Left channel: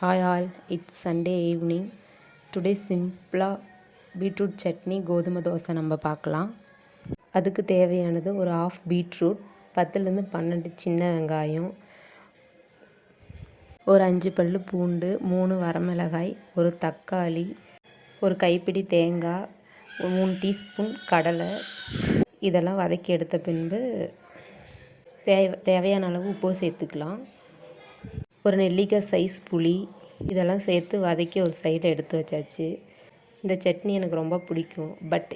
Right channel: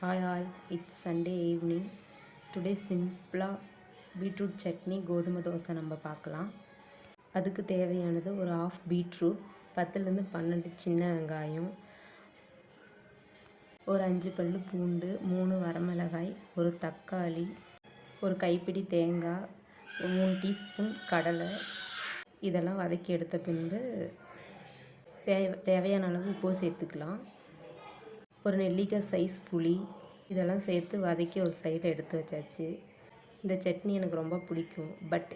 Hi all, it's Sunday evening. Today simple beetroot chutney கோதுமை தோசை நம்ம பார்க்கலாம். அதுக்கு தேவையானது ஒரு ஆஃப் பீட்ரூட், 10லேருந்து 12 சின்ன வெங்காயம், ஒரு 5 பல்லு பூண்டு, 3 வரமிளகாய், ஒரு தக்காளி, ஒரு கைப்பிடி தேங்காய், 3 டீஸ்பூன் கடலை. இதெல்லாம் வதக்கி எடுத்த பின்பு தேவையான அளவு உப்பு சேர்த்துக்கலாம். ஒரு நெல்லிக்காய் சைஸ் புளி இதெல்லாம் சேர்த்து வதக்கி ஒரு சைடில் எடுத்து வச்சாச்சு. இந்த சட்னி எனக்கு ரொம்ப பிடிக்கும். பட்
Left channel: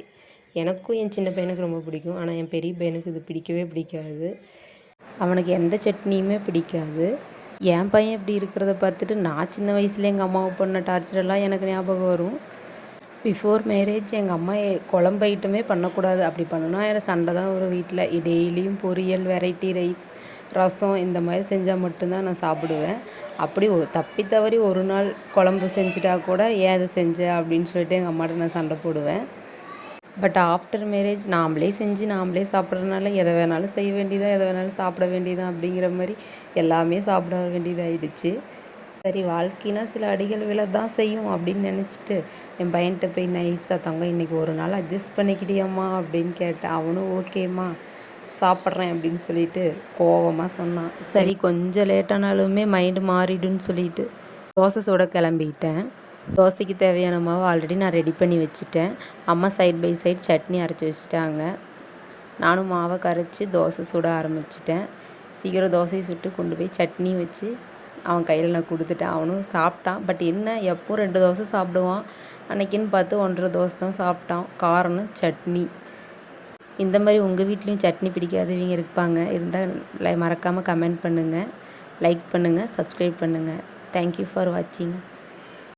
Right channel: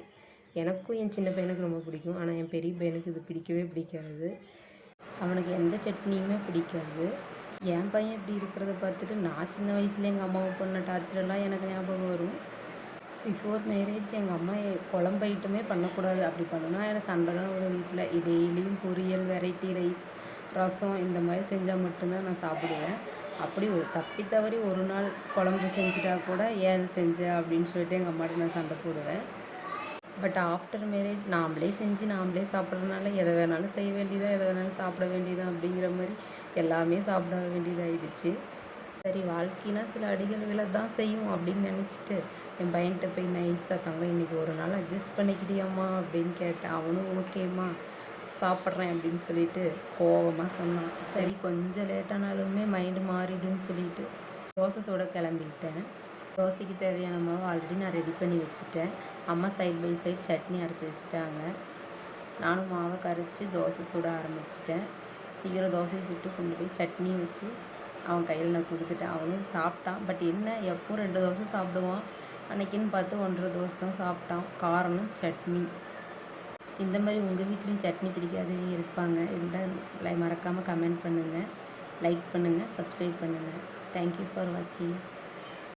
எனக்கும் என் சின்ன பையனுக்கு ரொம்ப பிடிக்கும். ஆனால் என் பெரிய பையனுக்கு இது பிடிக்கவே பிடிக்காது. அவனுக்கு எந்த சட்னியுமே பிடிக்காது. என் பையன் இப்படி இருக்கிறத பார்த்துட்டு நான் சின்ன வயசில் எங்கள் அம்மாவை பண்ண டார்ச்சரெல்லாம் எனக்கு ஞாபகம் வரும். பிஃபோர் மேரேஜ் எங்கள் அம்மா குழம்பு ஐட்டமே பண்ணக்கூடாது, அப்படி பண்ணுனா சண்டை தான் ஒரு வீட்டில். டெய்லியும் பொரியல், வெரைட்டி ரைஸ், ரசம் இந்த மாதிரி செஞ்சால் மட்டும்தான் நான் சாப்பிடுவேன். அப்படி தப்பி தவறி ஒரு நாள் குழம்பு செஞ்சுட்டா கூட ஏன் அதை செஞ்ச அப்படின்னு சொல்லிட்டு எங்கள் அம்மாட்ட நான் சண்டை போடுவேன். பட் ஆஃப்டர் மேரேஜ் நாம்ளே செஞ்சு நாம்ளே சாப்பிட்றதுனால எதை வேணாலும் செய்ய வேண்டியதான், எதை வேணாலும் சாப்பிட வேண்டியதான் அப்படிங்கிற மாதிரி எல்லாமே சாப்பிட வேண்டியதாகிடுச்சு. சரி, வாழ்க்கைனா சில அடிகள் விழ தான் செய்யும் அப்படின்னு நினச்சிட்டு என் பையன்கிட்ட போய் நைஸாக, தங்கம் இன்றைக்கி ஒரு நாள் அட்ஜஸ்ட் பண்ணிக்கிட்டியம்மா அப்படின்னு கேட்டேன். அவனும் ஓகேம்மா சாப்பிட்றேன் அப்படின்னு சொல்லிட்டு கோவமாக சொன்னான். சரி, கொஞ்சம் லேட்டானாலுமே மைண்டு மாறிடுன்னு சொல்லிட்டு தோசை சுட கிளம்பிட்டேன். தோசைக்கு தேவையான மாவு ஆல்ரெடி நான் ரெடி பண்ணி வச்சுட்டேன். அம்மா சைட் பை சைட் சட்னி அரைச்சி வச்சுட்டாங்க. நானும் மாவை கரைச்சி தோசை சுட ஆரம்பிச்சிட்டேன். சீக்கிரம் தோசையை சுட்டு கொண்டு போய் சட்னி வச்சு அவன் கையில் நான் கொடுத்துட்டேன். அவனும் சாப்பிட்டான். பட் என்ன, எப்போ 2 தோசை சாப்பிடுவான், அன்றைக்கின்னு பார்த்து 1.5 தோசை தான் சாப்பிட்டான். காரணம் சட்னி. இந்த மாதிரி உங்கள் வீட்லேயும் சட்னி பிடிக்காதவங்க இருப்பாங்க. இருந்தால் மறக்காமல் கமெண்ட் பண்ணுங்கள், லைக் பண்ணுங்கள், சப்ஸ்கிரைப் பண்ணுங்கள். தேங்க்யூ ஃபார் வாட்சிங்.